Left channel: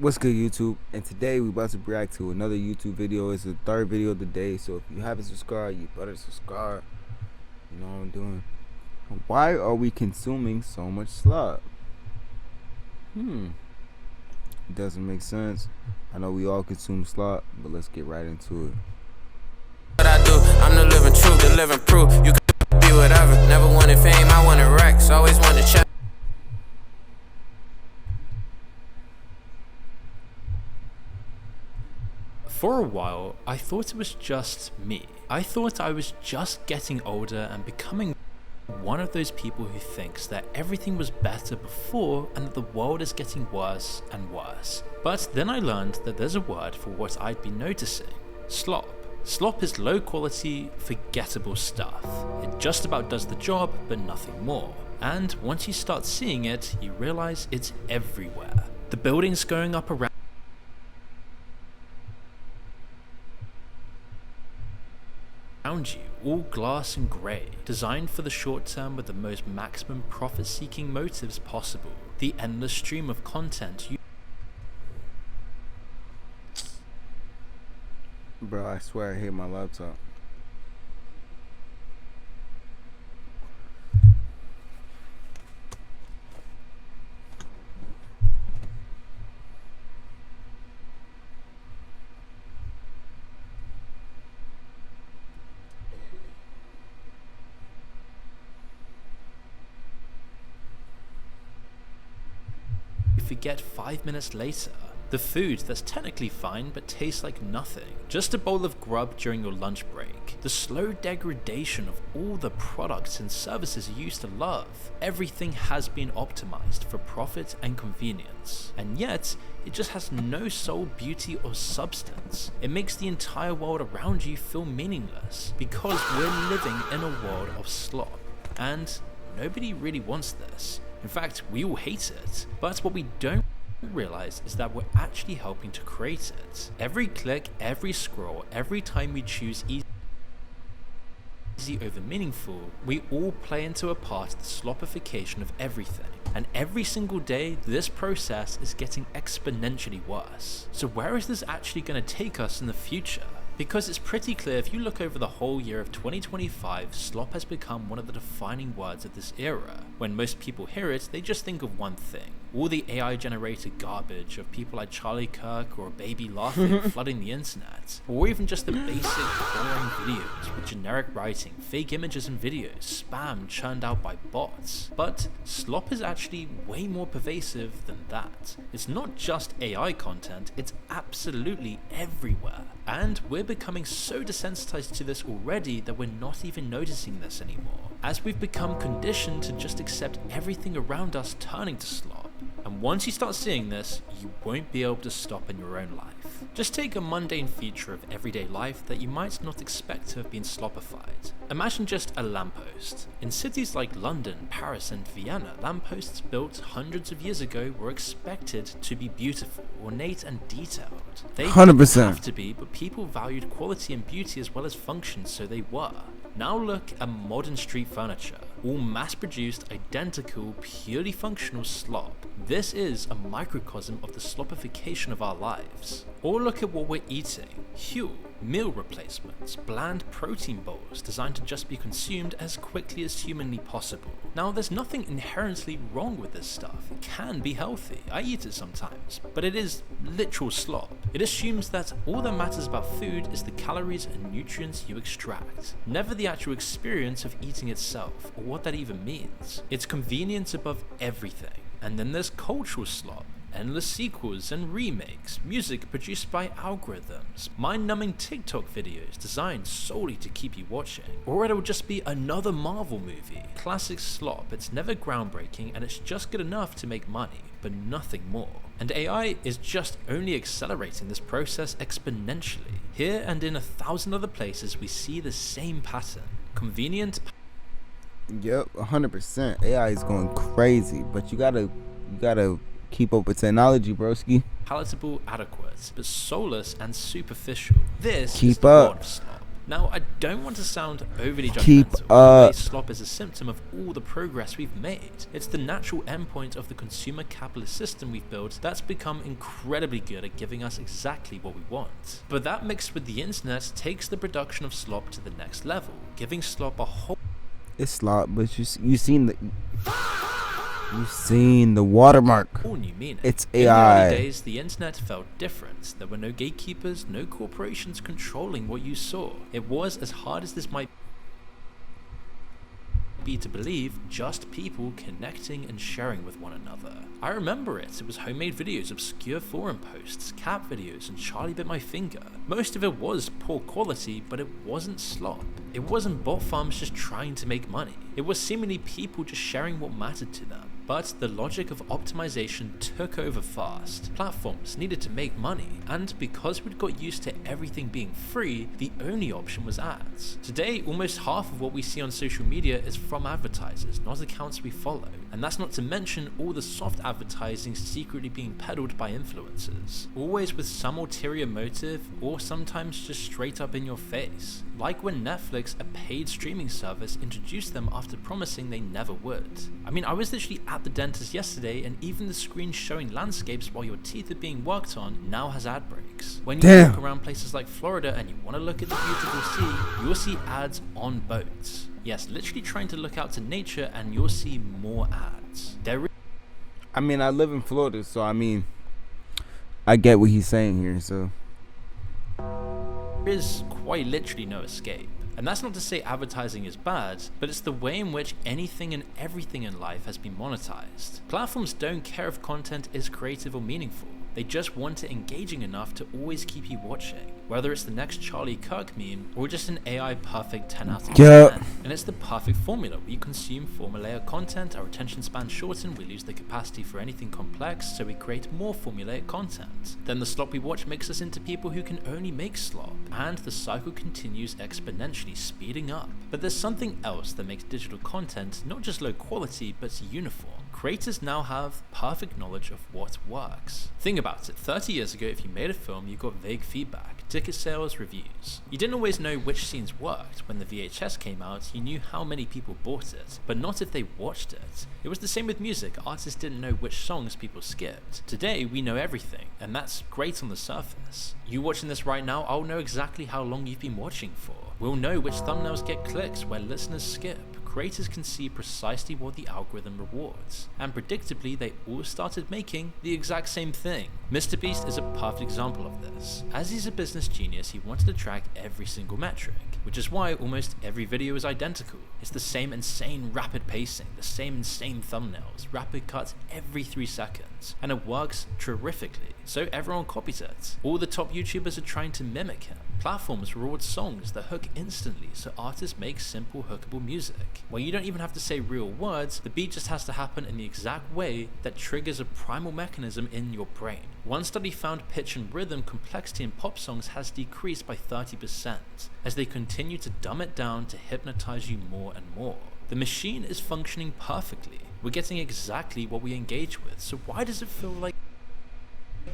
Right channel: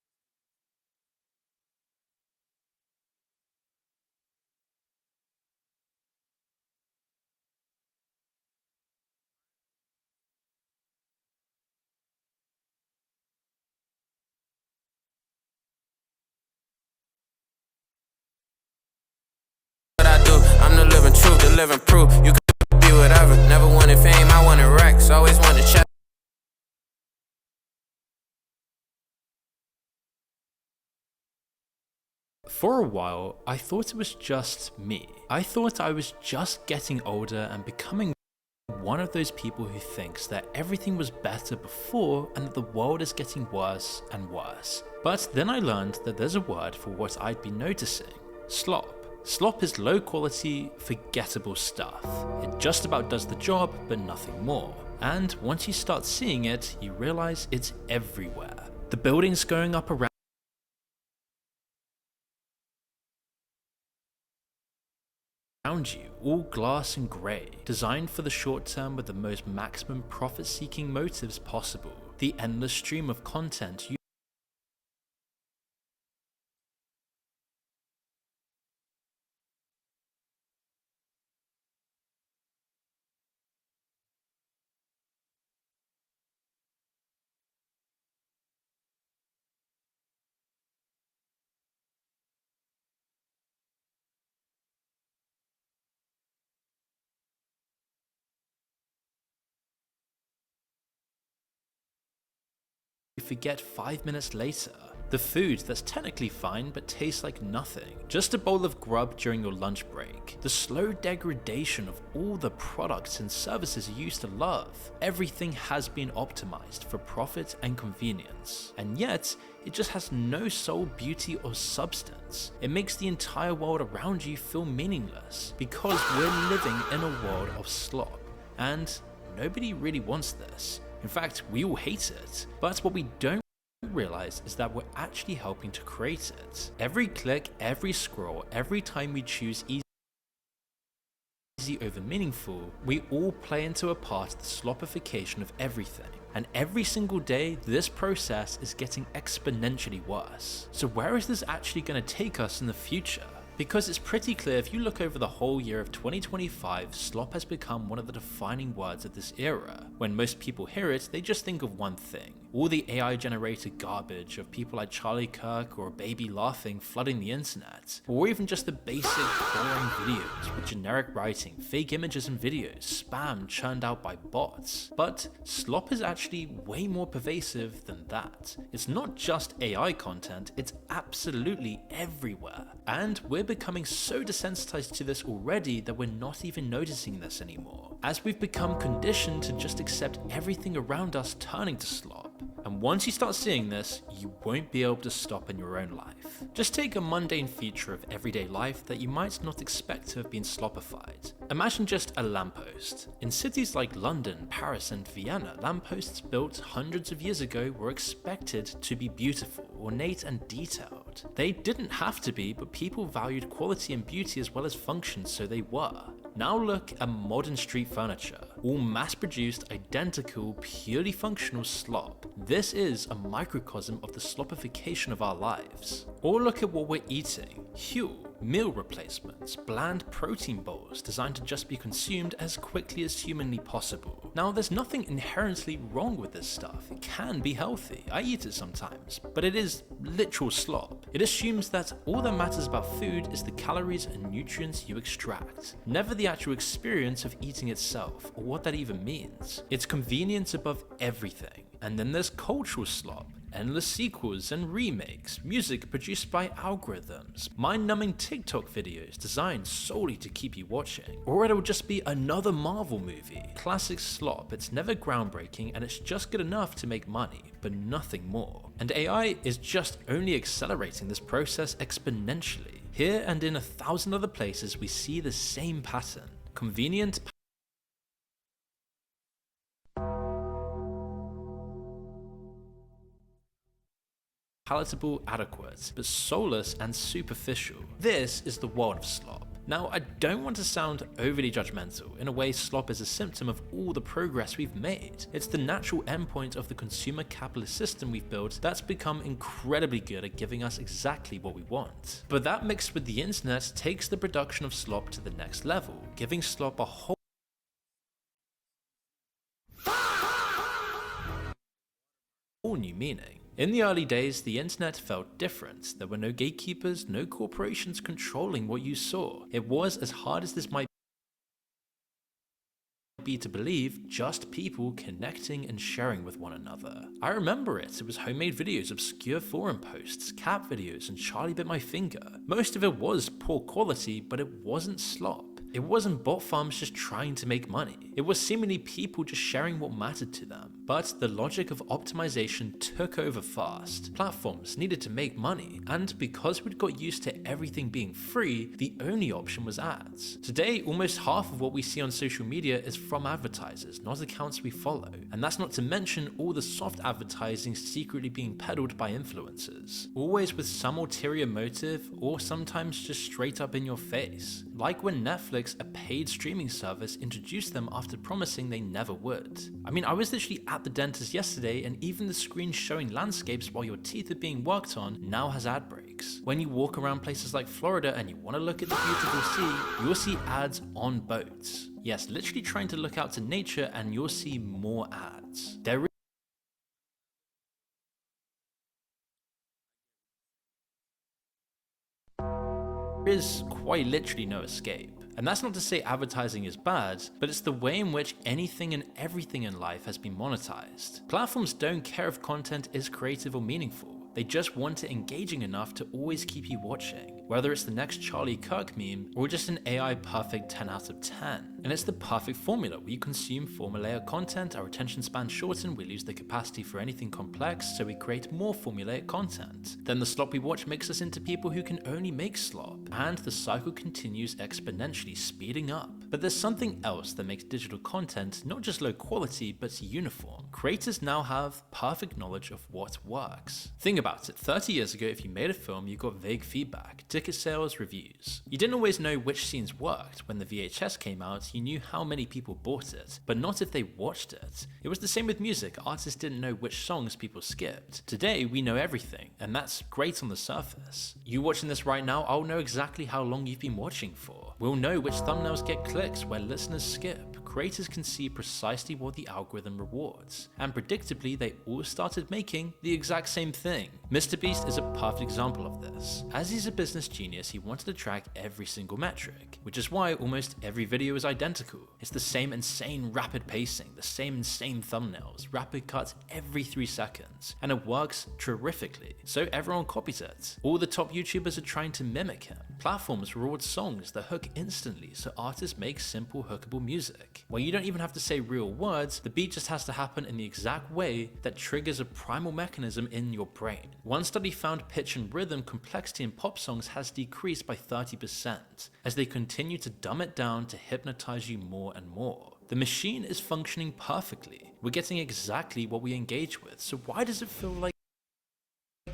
What's good, YouTube? And today we about to react to another YouTube video. It's the third video of the day, so if you haven't subscribed, you better subscribe. You know what I'm doing. Why are we consuming so much slop? It doesn't make sense. I know we all consume slop, but let's get right into it. What I do, I'm the living truth, the living proof. You could be whatever. Never wanted fame, I wanted racks. Always wanted check. For a while, I thought it was just me. I thought I was just getting older and becoming one of those people who thinks that everything was better before and that the world is getting worse and worse. But then I learned that there's a word for what I'd been noticing: slop. Slop is low quality, forgettable stuff. It just about does the job, but nothing more. And once you start seeing it, you realize it's everywhere. The buildings going up around you, all glass and grey, designed for the short term with the most maximum profit-seeking motives possible. The endless stream of content Bro, I swear I hate my laptop. you forget 5 minutes later. The food that's technically fine but tastes like nothing. Just a bowl of grub during your lunch break. The slow degradation of all the products and services you used to love. Everything has been optimized for profit and convenience. And yet, it just has no soul, beauty or substance. It makes the entire world around you feel meaningless because we're living in a world of slop. And nobody really wants this. In fact, we all hate it. But what we don't realize is that we're actually helping to create it. Every click, every scroll, every time we choose easy over meaningful, we all play into a part of the slopification of everything. And every single day, this process is getting exponentially worse. So where is this actually going to take us in the future? Because it's pretty clear if you look over the whole year of 2025, slop has become one of the defining words of this era. When most people hear it, they just think of one thing: all the AI generated garbage of people like Charlie Kirk or a baby laughing flooding the internet, or even just the basic boring videos with generic writing, fake images and videos, spam churned out by bots. But slop is actually way more pervasive than that. It's not just AI content, it's absolutely everywhere. And we're becoming so desensitized to this already that we're not even noticing this anymore, as we've become conditioned to just accept everything around us turning to slop. And once you start seeing this, you won't be able to stop in your own life. Just take a mundane feature of everyday life that you might not expect to have been slopified. Imagine just a lamppost. In cities like London, Paris and Vienna, lampposts built hundreds of years ago were expected to be beautiful, ornate and detailed. They 100%. didn't have to be, but people valued quality and beauty as well as function, so they were. Now look at modern street furniture, all mass-produced, identical, purely functional slop. This is a microcosm of the slopification of our lives. Or look at what we're eating. Huel, meal replacements, bland protein bowls designed to just be consumed as quickly as humanly possible. Now there's nothing inherently wrong with this stuff. It can be healthy. I eat it sometimes, but it is literal slop. It assumes that all that matters about food is the calories and nutrients you extract, never the actual experience of eating itself or what that even means. It's convenience above everything. And then there's cultural slop. Endless sequels and remakes, music produced by algorithms, mind-numbing TikTok videos designed solely to keep you watching, or it'll just be another Marvel movie. Classic slop, it's never groundbreaking and it's just good enough to make money, but nothing more. And AI is just only accelerating this process exponentially. Here and in 1,000 other places we see the same pattern. Convenient. Yep, 100%. AI is going crazy, but you gotta keep up with technology, broski. Palatable, adequate, but soulless and superficial. This is Keep the up. world of slop. Now, I don't want to sound overly Keep judgmental. In a way, slop is a symptom of all the progress we've made. It's the natural endpoint of the consumer capitalist system we've built that's become incredibly good at giving us exactly what we want. But that mixed with the internet takes the production of slop to the next level, giving slop a whole It's Slop, but you seen the watermark. new meaning. It's In the AI. early days, the internet felt different. There were no gatekeepers, no corporations controlling what you saw. It was, as hard as this might be to believe, just people connecting and sharing with one another. I remember it. It was homemade videos, obscure forum posts, cat videos, and Charlie bit my finger. Most of it was poor quality, but it wasn't slop. It wasn't bot farms just trying to make money. It was seemingly people just sharing what mattered to them. But the logic of optimization took over fast. Platforms needed to make money, and because we'd got used to everything being free, the only option was ads. Today, almost half of what we see on social media is from advertisers, not accounts we follow. And that's not to mention all the soft advertising secretly being peddled by influencers, always with some ulterior motive or sometimes just straight up in your face. Like when Netflix, a paid streaming service, introduced them after promising they never would. I mean, I was literally at the dentist yesterday, and even the screen showing landscapes while your teeth are being worked on now has ad breaks. When you walk around places like Florida and you want to look at the beautiful sea, you'll see ads on boats. Yes, literally trying to look out to nature, and you'll see more ads. I mean, I live in Florida, so I mean, I get what he's saying here. So There is quite literally no escape. And that's not to say advertising is bad, but it's the way in which anything and everything in life has been monetized. Platforms don't care if content is creative or meaningful. They just want it engaging enough to always keep you watching, whether it's the next Charlie Kirk meme or just an AI perfect 10 out of 10. And it's the perfect formula. We consume formulaic content, our attention span shorten, we lose the capacity for anything complex, so we create more formulaic content. Then the slop we watch makes us into people who can only make slop, and the cycle continues exponentially, speeding up. But there's something else that makes digital content not just low quality, but uniform. Creators now have perfect knowledge of what works. Think about it, 30 years ago, if you made a film, you got vague feedback, ticket sales, reviews. You didn't always know which scenes worked. When the VHS came out, you knew how many people bought it, but not if they watched it. It was the same with music. Artists didn't know which songs people skipped. Today, we know everything, and that's great on the surface. You watching this right now, I'll know exactly how long you've been watching for. We'll know which thumbnails get clicks, where listeners skip. Creators can see precisely what the algorithm rewards, and predictably they all started making the exact same thing. MrBeast is a perfect example of this. As he's a business genius, he wanted to track every single metric, which is why almost every video is identical. It's the same insane rapid pacing, the same insane thumbnails, rapid cuts every 3 seconds, and it works terrifically, so everyone copies it. All the top YouTubers are trying to mimic him. Platforms reward songs that hook instantly, so artists make simple hookable music, where you don't even have to say real words, the beat just has to happen in the exact way that triggers a primal mechanism in your brain. One study found pitch and rhythm complexity in pop songs has decreased by 30%, as they continue to dumb it down to hypnotize you more and more. The machine is functioning perfectly. We're getting exactly what we engage with, so why does it feel like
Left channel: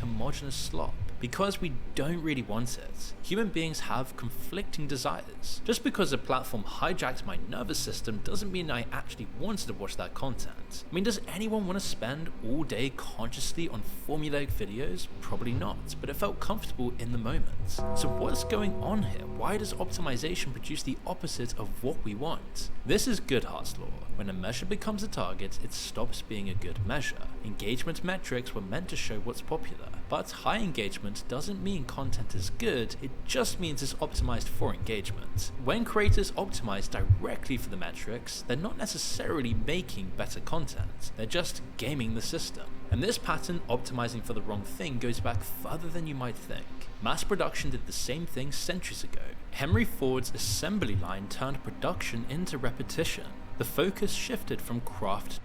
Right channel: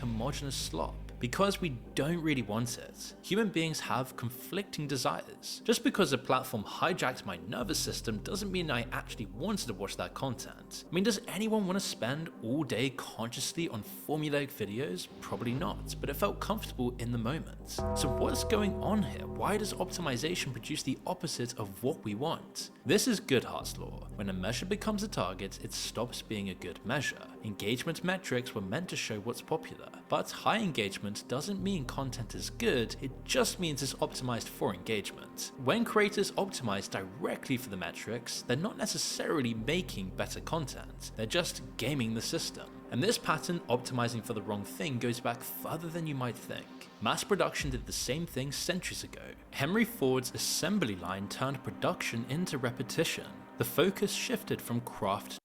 homogeneous slop? Because we don't really want it. Human beings have conflicting desires. Just because a platform hijacked my nervous system doesn't mean I actually wanted to watch that content. I mean, does anyone want to spend all day consciously on formulaic videos? Probably not, but it felt comfortable in the moment. So what's going on here? Why does optimization produce the opposite of what we want? This is Goodhart's law. When a measure becomes a target, it stops being a good measure. Engagement metrics were meant to show what's popular, but high engagement doesn't mean content is good, it just means it's optimized for engagement. When creators optimize directly for the metrics, they're not necessarily making better content, they're just gaming the system. And this pattern, optimizing for the wrong thing, goes back further than you might think. Mass production did the same thing centuries ago. Henry Ford's assembly line turned production into repetition. The focus shifted from craft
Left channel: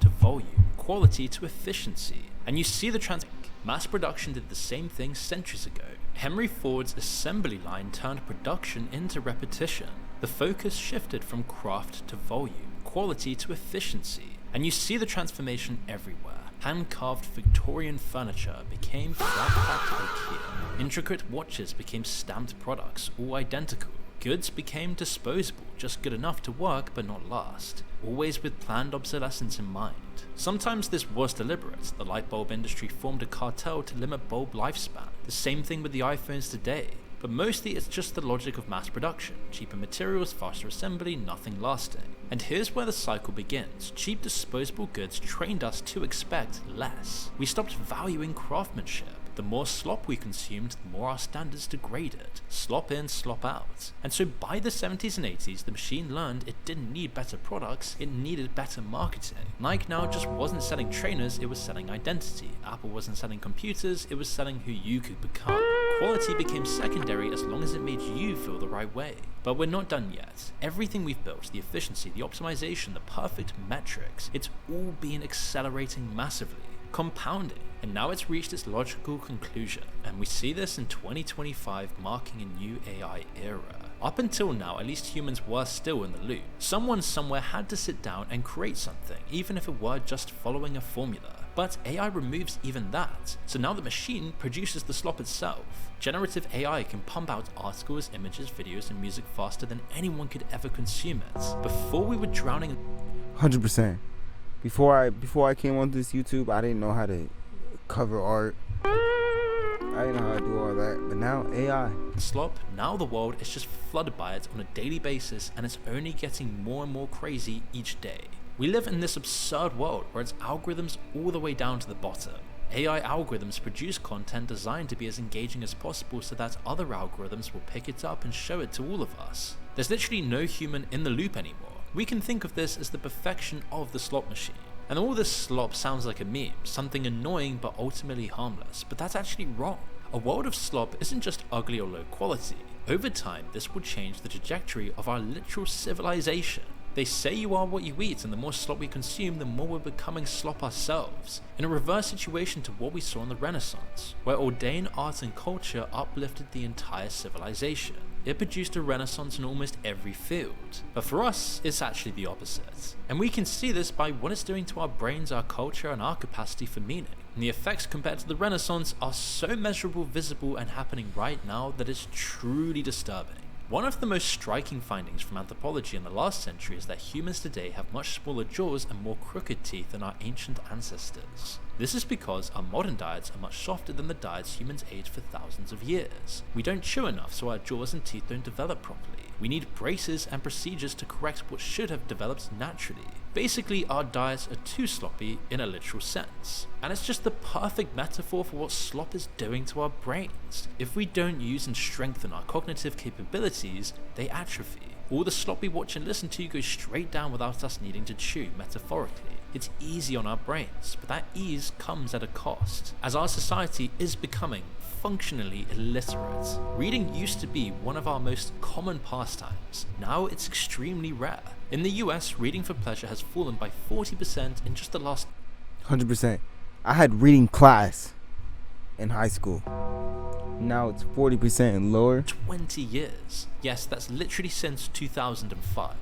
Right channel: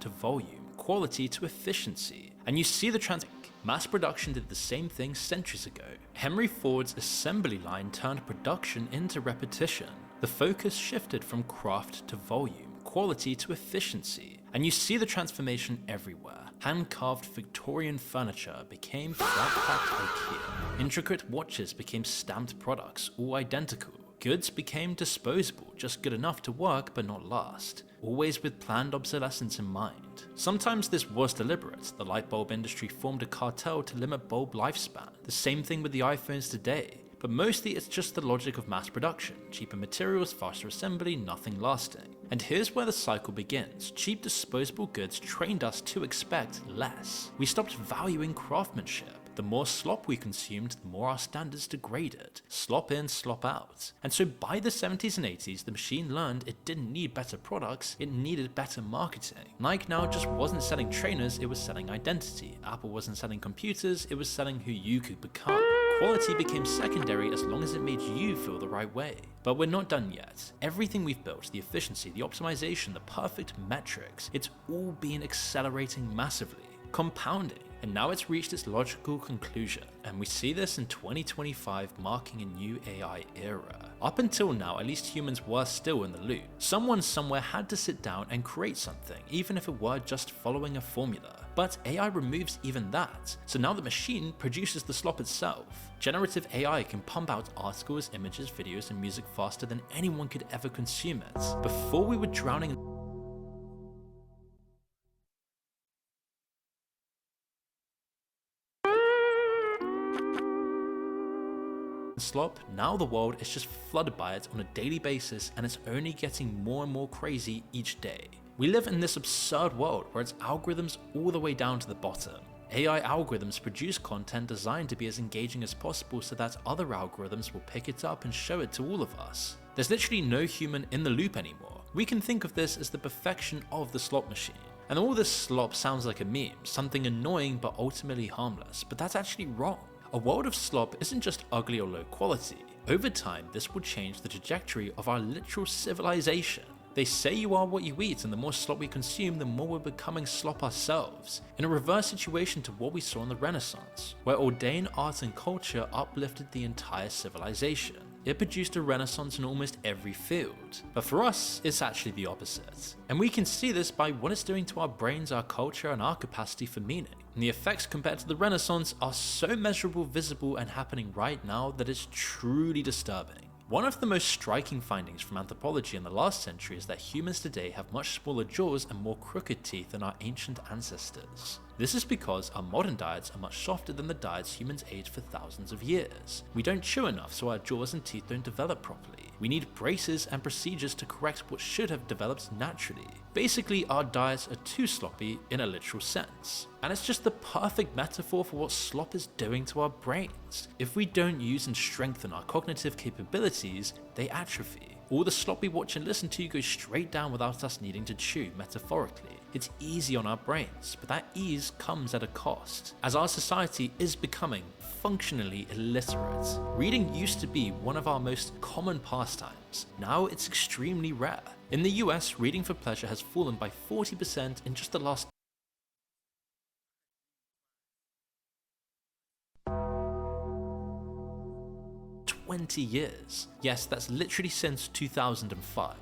to volume, quality to efficiency. And you see the mass production did the same thing centuries ago. Henry Ford's assembly line turned production into repetition. The focus shifted from craft to volume, quality to efficiency. And you see the transformation everywhere. Hand-carved Victorian furniture became flat-packed IKEA. Intricate watches became stamped products, all identical. Goods became disposable, just good enough to work but not last, always with planned obsolescence in mind. Sometimes this was deliberate. The light bulb industry formed a cartel to limit bulb lifespan. The same thing with the iPhones today. But mostly it's just the logic of mass production. Cheaper materials, faster assembly, nothing lasting. And here's where the cycle begins. Cheap disposable goods trained us to expect less. We stopped valuing craftsmanship. The more slop we consumed, the more our standards degraded. Slop in, slop out. And so by the 70s and 80s, the machine learned it didn't need better products, it needed better marketing. Nike now just wasn't selling trainers, it was selling identity. Apple wasn't selling computers, it was selling who you could become. Quality became secondary as long as it made you feel the right way. But we're not done yet. Everything we've built, the efficiency, the optimization, the perfect metrics, it's all been accelerating massively, compounding. And now it's reached its logical conclusion, and we see this in 2025 marking a new AI era. Up until now, at least humans were still in the loop. Someone somewhere had to sit down and create something, even if it were just following a formula. But AI removes even that, so now the machine produces the slop itself. Generative AI can pump out articles, images, videos, and music faster than anyone could ever consume it. Before we were drowning in 100%. Before I came onto this YouTube, I didn't know how to cover art. I didn't know how to do all that. But now AI. slop, now the world is just flooded by it on a daily basis, and it's only getting more and more crazy each day. We live in this absurd world where it's algorithms all the way down to the bottom. AI algorithms produce content designed to be as engaging as possible so that other algorithms will pick it up and show it to all of us. There's literally no human in the loop anymore. We can think of this as the perfection of the slop machine. And all this slop sounds like a meme, something annoying but ultimately harmless, but that's actually wrong. A world of slop isn't just ugly or low quality. Over time, this will change the trajectory of our literal civilization. They say you are what you eat, and the more slop we consume, the more we're becoming slop ourselves, in a reverse situation to what we saw in the Renaissance, where ordained art and culture uplifted the entire civilization. It produced a renaissance in almost every field. But for us, it's actually the opposite. And we can see this by what it's doing to our brains, our culture, and our capacity for meaning. And the effects compared to the Renaissance are so measurable, visible, and happening right now that it's truly disturbing. One of the most striking findings from anthropology in the last century is that humans today have much smaller jaws and more crooked teeth than our ancient ancestors. This is because our modern diets are much softer than the diets humans ate for thousands of years. We don't chew enough, so our jaws and teeth don't develop properly. We need braces and procedures to correct what should have developed naturally. Basically, our diets are too sloppy in a literal sense. And it's just the perfect metaphor for what slop is doing to our brains. If we don't use and strengthen our cognitive capabilities, they atrophy. All the slop we watch and listen to goes straight down without us needing to chew, metaphorically. It's easy on our brains, but that ease comes at a cost, as our society is becoming functionally illiterate. Reading used to be one of our most common pastimes. Now it's extremely rare. In the US, reading for pleasure has fallen by 40% in just the last 100%. I had reading class in high school. Now it's 40% and lower. 20 years. Yes, that's literally since 2005.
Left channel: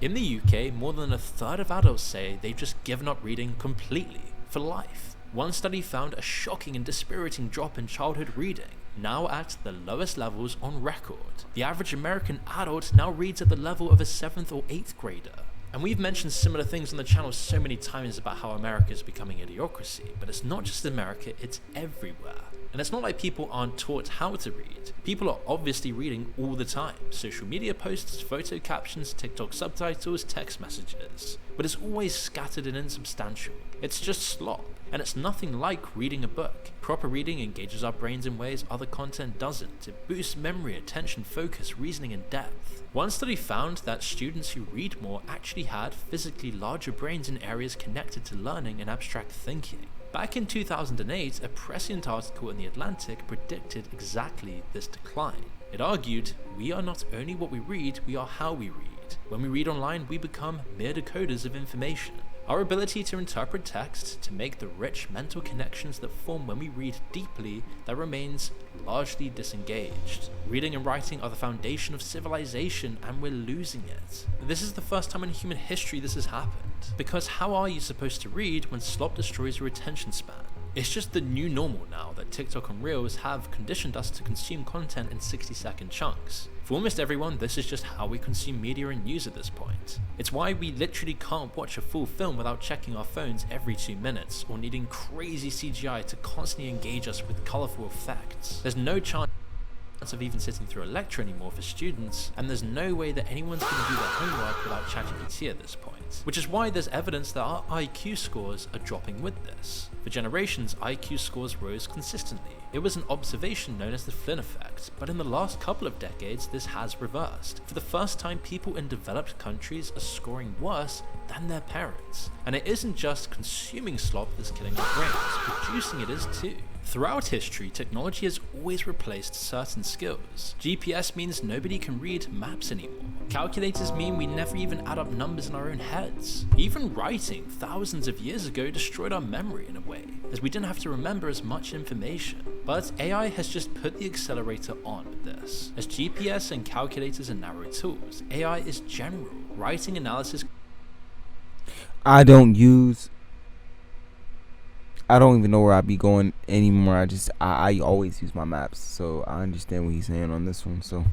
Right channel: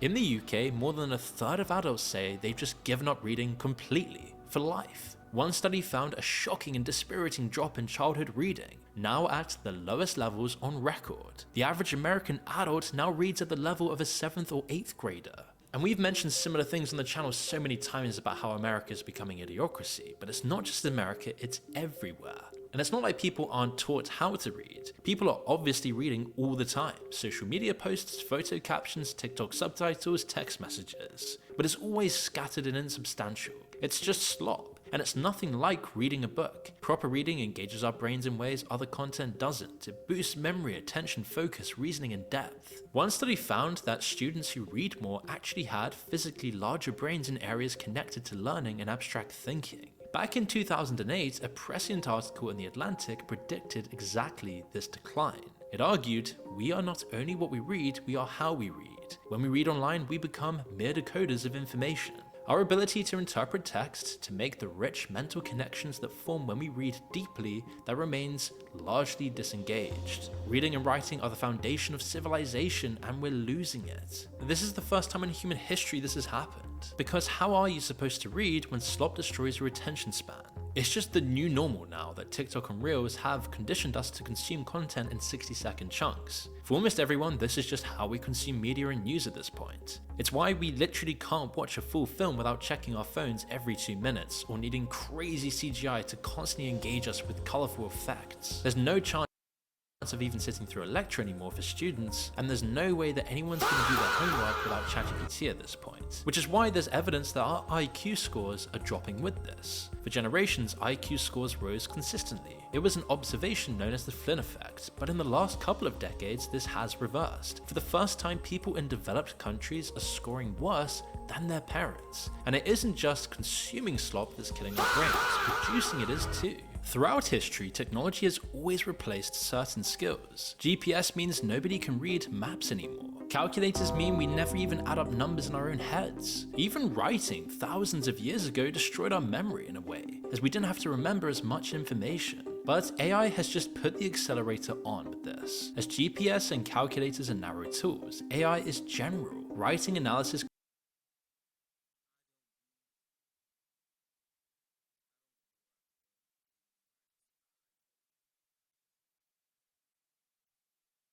In the UK, more than a third of adults say they've just given up reading completely, for life. One study found a shocking and dispiriting drop in childhood reading, now at the lowest levels on record. The average American adult now reads at the level of a 7th or 8th grader. And we've mentioned similar things on the channel so many times about how America is becoming idiocracy, but it's not just America, it's everywhere. And it's not like people aren't taught how to read. People are obviously reading all the time. Social media posts, photo captions, TikTok subtitles, text messages. But it's always scattered and insubstantial. It's just slop. And it's nothing like reading a book. Proper reading engages our brains in ways other content doesn't. It boosts memory, attention, focus, reasoning, and depth. One study found that students who read more actually had physically larger brains in areas connected to learning and abstract thinking. Back in 2008, a prescient article in The Atlantic predicted exactly this decline. It argued, we are not only what we read, we are how we read. When we read online, we become mere decoders of information. Our ability to interpret text, to make the rich mental connections that form when we read deeply, that remains largely disengaged. Reading and writing are the foundation of civilization, and we're losing it. This is the first time in human history this has happened. Because how are you supposed to read when slop destroys your attention span? It's just the new normal now that TikTok and Reels have conditioned us to consume content in 60-second chunks. For almost everyone, this is just how we consume media and news at this point. It's why we literally can't watch a full film without checking our phones every 2 minutes, or needing crazy CGI to constantly engage us with colourful effects. There's no chance of even sitting through a lecture anymore for students, and there's no way that anyone's going to do their homework without ChatGPT at this point. Which is why there's evidence that our IQ scores are dropping with this. For generations, IQ scores rose consistently. It was an observation known as the Flynn effect, but in the last couple of decades this has reversed. For the first time, people in developed countries are scoring worse than their parents. And it isn't just consuming slop that's killing our brains, producing it is too. Throughout history, technology has always replaced certain skills. GPS means nobody can read maps anymore. Calculators mean we never even add up numbers in our own heads. Even writing, thousands of years ago, destroyed our memory in a way, as we didn't have to remember as much information. But AI has just put the accelerator on with this. As GPS and calculators are narrow tools, AI is general. Writing, analysis. I don't even know where I'd be going anymore. I always use my maps, so I understand what he's saying on this one. So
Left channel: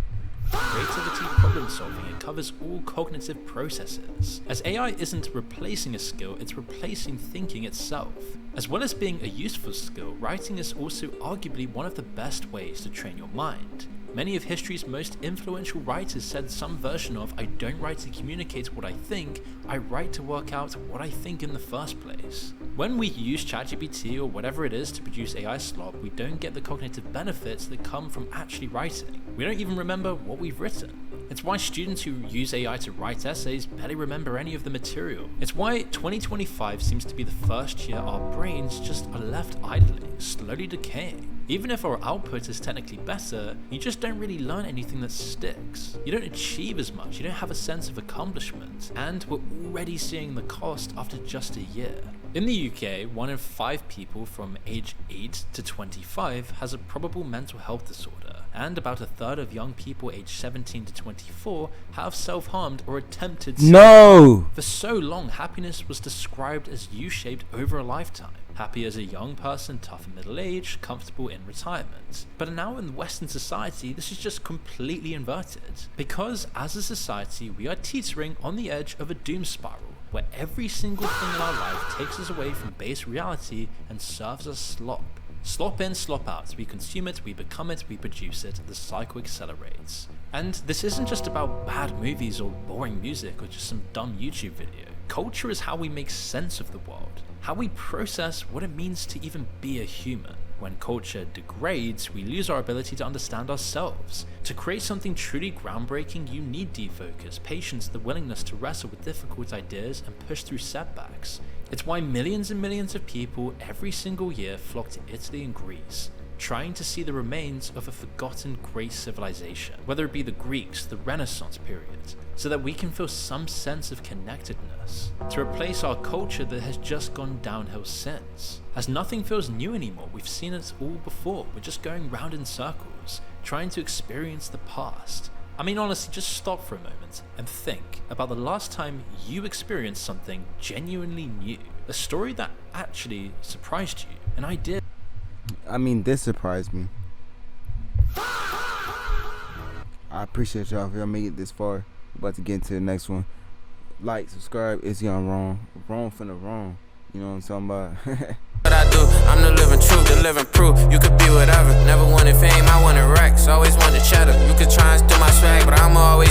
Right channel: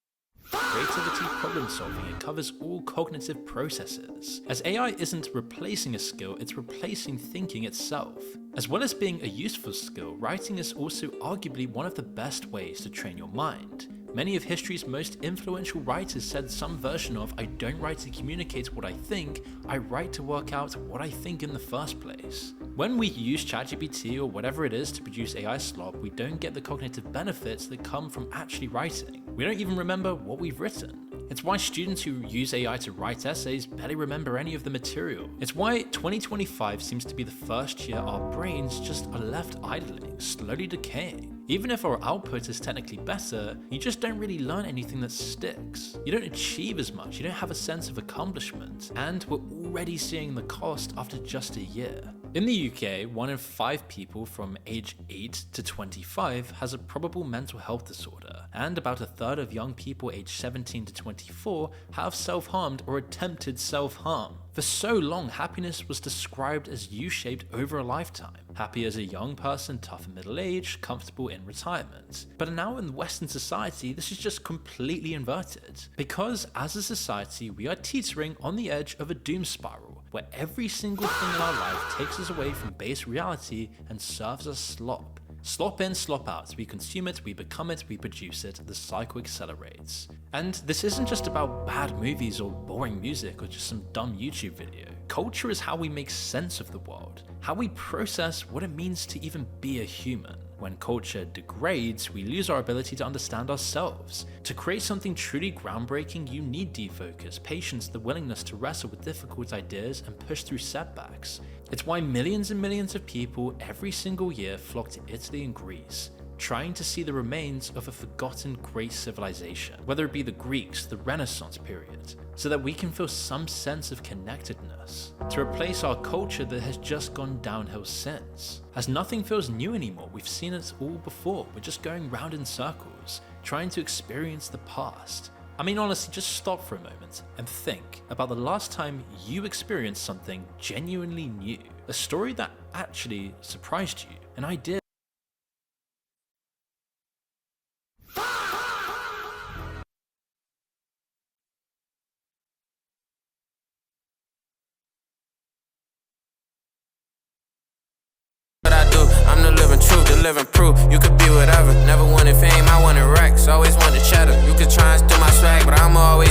Creativity, problem solving, it covers all cognitive processes. As AI isn't replacing a skill, it's replacing thinking itself. As well as being a useful skill, writing is also arguably one of the best ways to train your mind. Many of history's most influential writers said some version of, I don't write to communicate what I think, I write to work out what I think in the first place. When we use ChatGPT or whatever it is to produce AI slop, we don't get the cognitive benefits that come from actually writing. We don't even remember what we've written. It's why students who use AI to write essays barely remember any of the material. It's why 2025 seems to be the first year our brains just are left idling, slowly decaying. Even if our output is technically better, you just don't really learn anything that sticks. You don't achieve as much, you don't have a sense of accomplishment, and we're already seeing the cost after just a year. In the UK, 1 in 5 people from age 8 to 25 has a probable mental health disorder, and about a third of young people aged 17 to 24 have self-harmed or attempted self-harm. no. For so long, happiness was described as U-shaped over a lifetime. Happy as a young person, tough in middle age, comfortable in retirement. But now in Western society, this is just completely inverted. Because as a society, we are teetering on the edge of a doom spiral, where every single thing in our life takes us away from base reality and serves us slop. Slop in, slop out. We consume it, we become it, we produce it, the cycle accelerates. And this isn't just about bad movies or boring music or just some dumb YouTube video. Culture is how we make sense of the world, how we process what it means to even be a human. When culture degrades, we lose our ability to understand ourselves. To create something truly groundbreaking, you need defocus, patience, the willingness to wrestle with difficult ideas and push through setbacks. It's why millions and millions of people every single year flock to Italy and Greece, trying to see the remains of a forgotten great civilization, whether it be the Greeks, the Renaissance period, so that we can feel some sense of connectedness, to replace our culture that has just gone downhill since. As nothing feels new anymore, we've seen it all before, we're just going round in circles, trying to experience the past. I mean, honestly, just stop for a moment and think about the last time you experienced something genuinely new, a story that actually surprised you, an idea. I mean, this surprised me. I appreciate y'all if y'all made it this far. We're about to get into the next one. Like, subscribe. It's Young Wrong. Wrong finna wrong. You know what I'm talking about? What I do, I'm the living truth, the living proof. You could be whatever. Never wanted fame, I wanted racks. Always wanted cheddar. You could try and steal my swag, but I'm always